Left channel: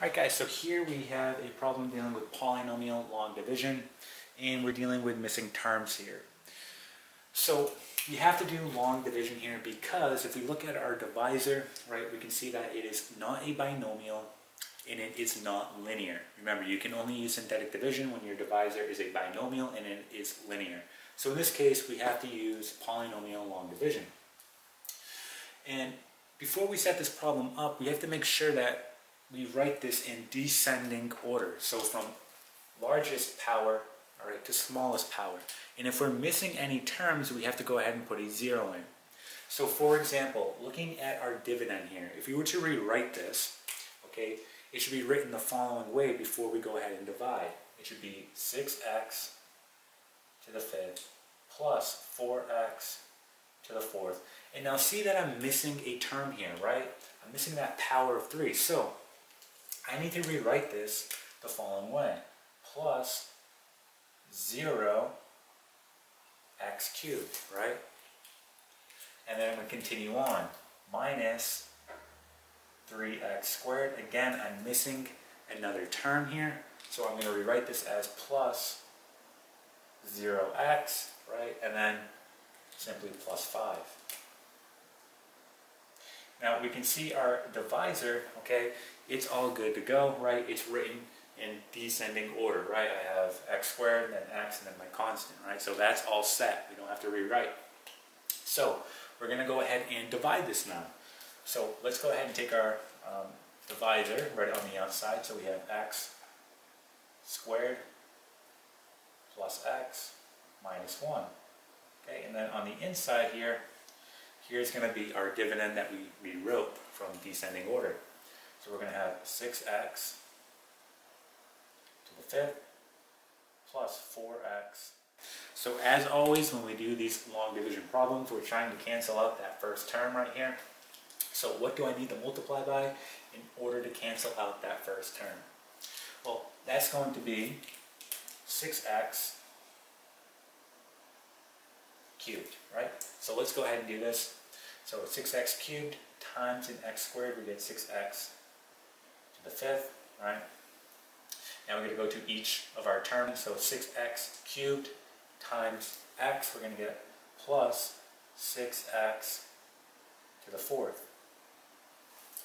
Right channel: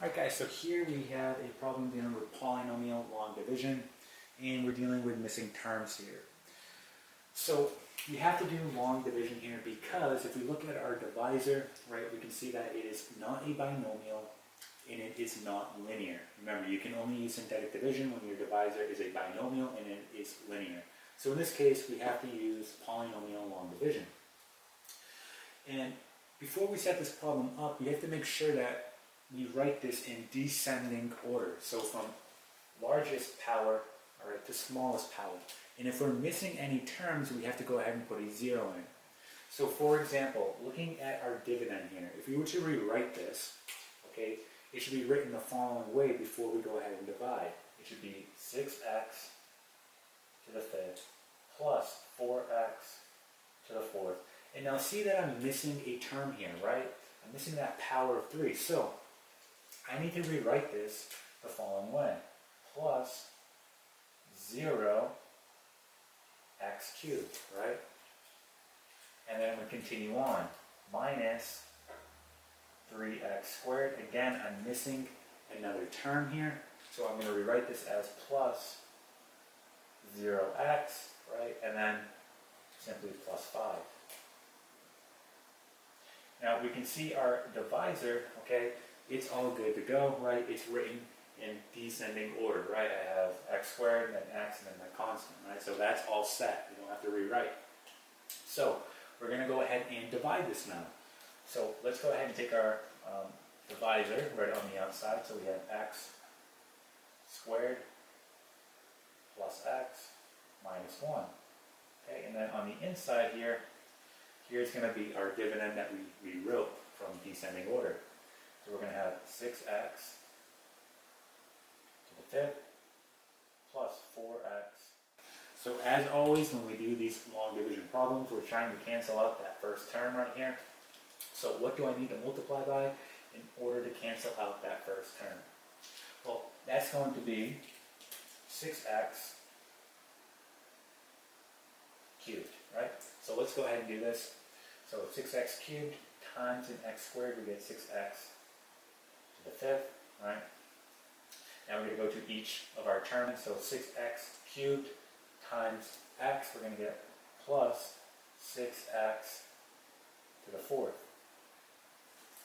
Alright guys, so here we have a problem dealing with polynomial long division, and we're dealing with missing terms here. So you have to do long division here because if we look at our divisor, right, we can see that it is not a binomial and it is not linear. Remember, you can only use synthetic division when your divisor is a binomial and it is linear. So in this case, we have to use polynomial long division. And before we set this problem up, we have to make sure that we write this in descending order. So from largest power, all right, to smallest power. And if we're missing any terms, we have to go ahead and put a 0 in. So for example, looking at our dividend here, if we were to rewrite this, okay, it should be written the following way before we go ahead and divide. It should be 6x to the 5th plus 4x to the 4th. And now see that I'm missing a term here, right? I'm missing that power of 3. So I need to rewrite this the following way. Plus 0x cubed, right? And then we continue on. Minus 3x squared. Again, I'm missing another term here. So I'm going to rewrite this as plus 0x, right? And then simply plus 5. Now we can see our divisor, okay, it's all good to go, right? It's written in descending order, right? I have x squared, then x, and then my constant, right? So that's all set. We don't have to rewrite. So we're going to go ahead and divide this now. So let's go ahead and take our divisor right on the outside. So we have x squared plus x minus 1. Okay, and then on the inside here, here's going to be our dividend that we wrote from descending order. So we're going to have 6x to the 5th plus 4x. So as always, when we do these long division problems, we're trying to cancel out that first term right here. So what do I need to multiply by in order to cancel out that first term? Well, that's going to be 6x cubed, right? So let's go ahead and do this. So 6x cubed times an x squared, we get 6x to the 5th, right? Now we're going to go to each of our terms. So 6x cubed times x, we're going to get plus 6x to the 4th.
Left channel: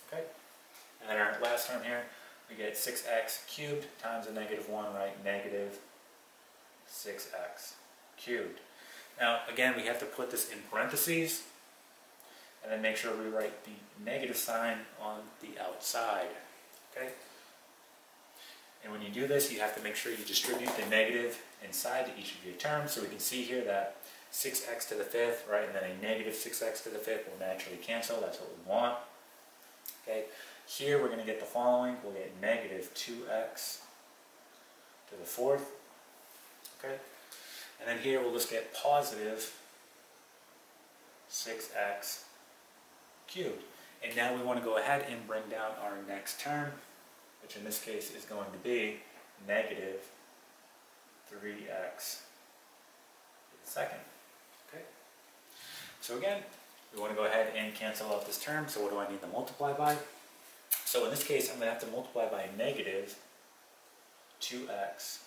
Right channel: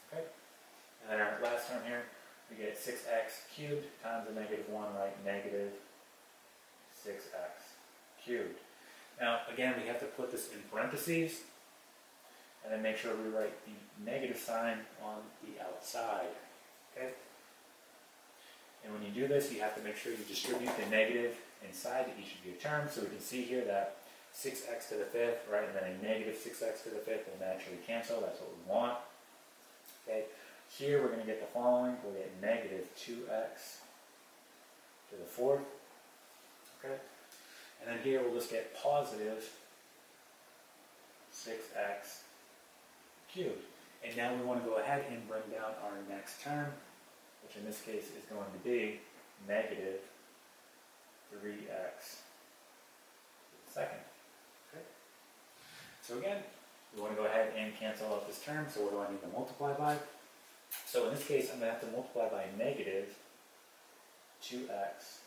Okay? And then our last term here, we get 6x cubed times a negative 1, right? Negative 6x cubed. Now, again, we have to put this in parentheses and then make sure we write the negative sign on the outside. Okay? And when you do this, you have to make sure you distribute the negative inside to each of your terms. So we can see here that 6x to the 5th, right, and then a negative 6x to the 5th will naturally cancel. That's what we want. Okay? Here we're going to get the following. We'll get negative 2x to the 4th. Okay? And then here we'll just get positive 6x cubed. And now we want to go ahead and bring down our next term, which in this case is going to be negative 3x to the 2nd. Okay? So again, we want to go ahead and cancel out this term. So what do I need to multiply by? So in this case, I'm going to have to multiply by negative 2x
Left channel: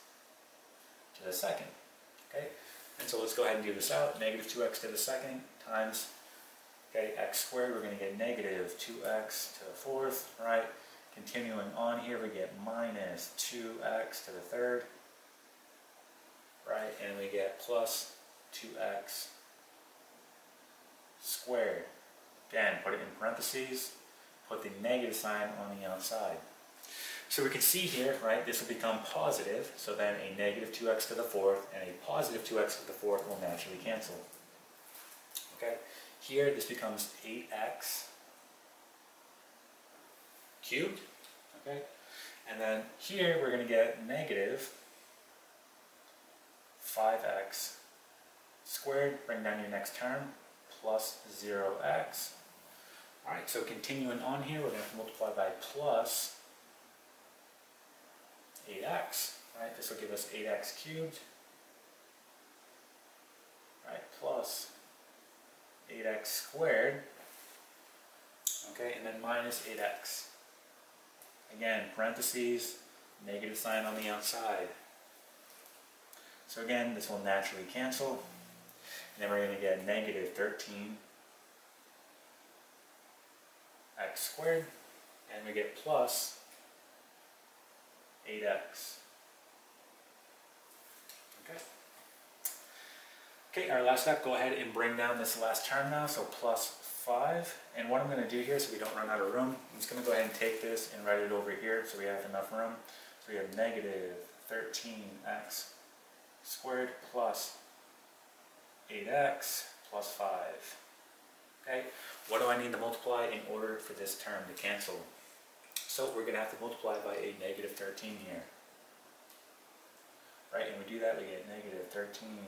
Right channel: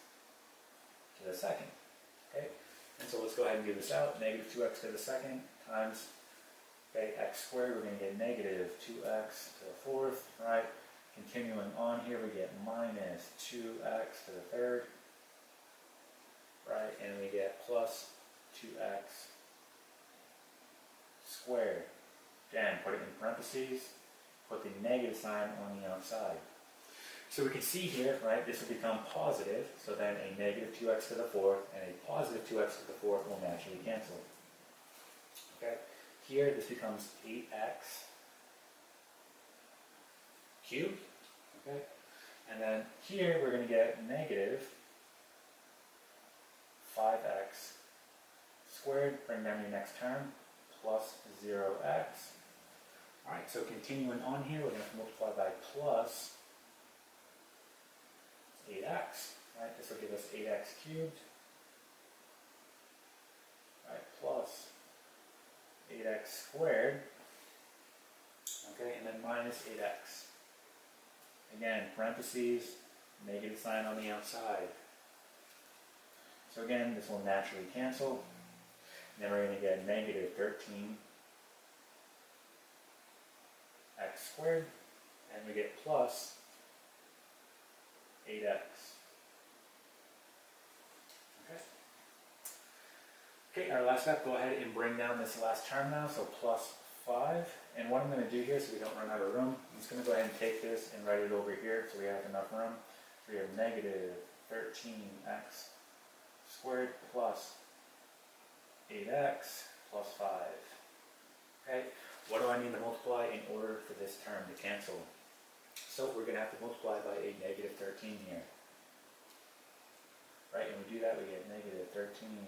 to the 2nd. Okay? And so let's go ahead and do this out. Negative 2x to the 2nd times, okay, x squared, we're going to get negative 2x to the 4th, right? Continuing on here, we get minus 2x to the 3rd, right? And we get plus 2x squared. Again, put it in parentheses, put the negative sign on the outside. So we can see here, right, this will become positive, so then a negative 2x to the 4th and a positive 2x to the 4th will naturally cancel. Okay? Here, this becomes 8x cubed. Okay? And then here, we're going to get negative 5x squared. Bring down your next term, plus 0x. Alright, so continuing on here, we're going to multiply by plus 8x, right? This will give us 8x cubed, right, plus 8x squared, okay, and then minus 8x. Again, parentheses, negative sign on the outside. So again, this will naturally cancel. And then we're going to get negative 13 x squared, and we get plus 8x. Okay. Okay, our last step, go ahead and bring down this last term now, so plus 5. And what I'm going to do here, so we don't run out of room, I'm just going to go ahead and take this and write it over here so we have enough room. So we have negative 13x squared plus 8x plus 5. Okay, what do I need to multiply in order for this term to cancel? So we're going to have to multiply by a negative 13 here. Right, and we do that, we get negative 13x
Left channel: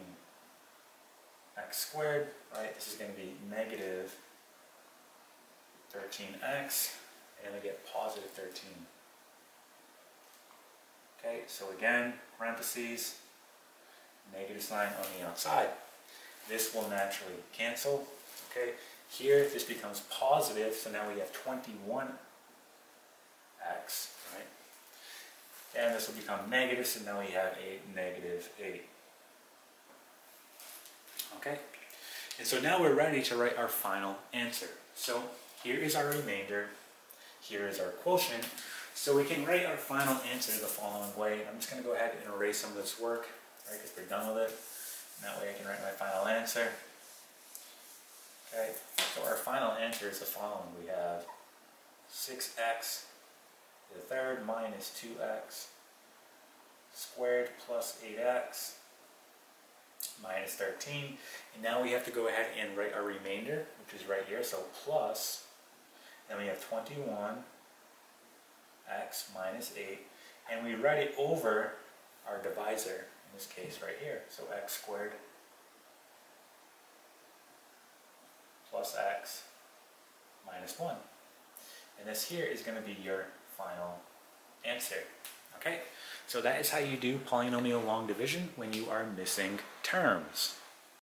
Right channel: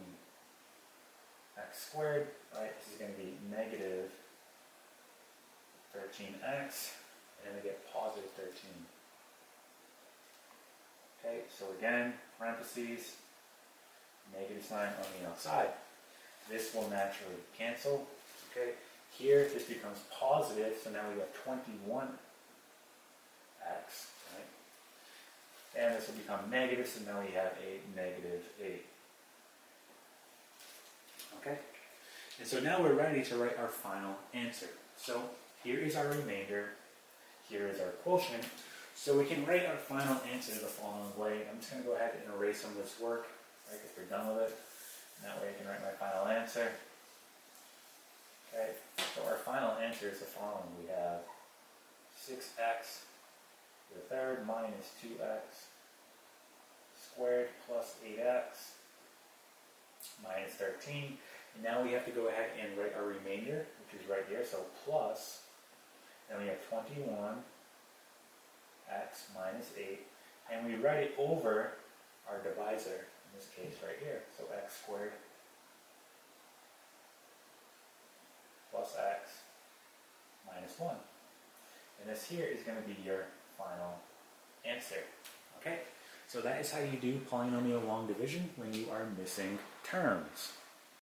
squared, right? This is going to be negative 13x, and then we get positive 13. Okay, so again, parentheses, negative sign on the outside. This will naturally cancel. Okay, here this becomes positive, so now we have 21x, right? And this will become negative, so now we have a negative 8. Okay, and so now we're ready to write our final answer. So here is our remainder, here is our quotient. So we can write our final answer the following way. I'm just going to go ahead and erase some of this work, right, because we're done with it. And that way I can write my final answer. Okay, so our final answer is the following. We have 6x to the third minus 2x squared plus 8x minus 13. And now we have to go ahead and write our remainder, which is right here. So plus, then we have 21x minus 8. And we write it over our divisor, in this case right here. So x squared plus x minus 1. And this here is going to be your final answer. Okay, so that is how you do polynomial long division when you are missing terms.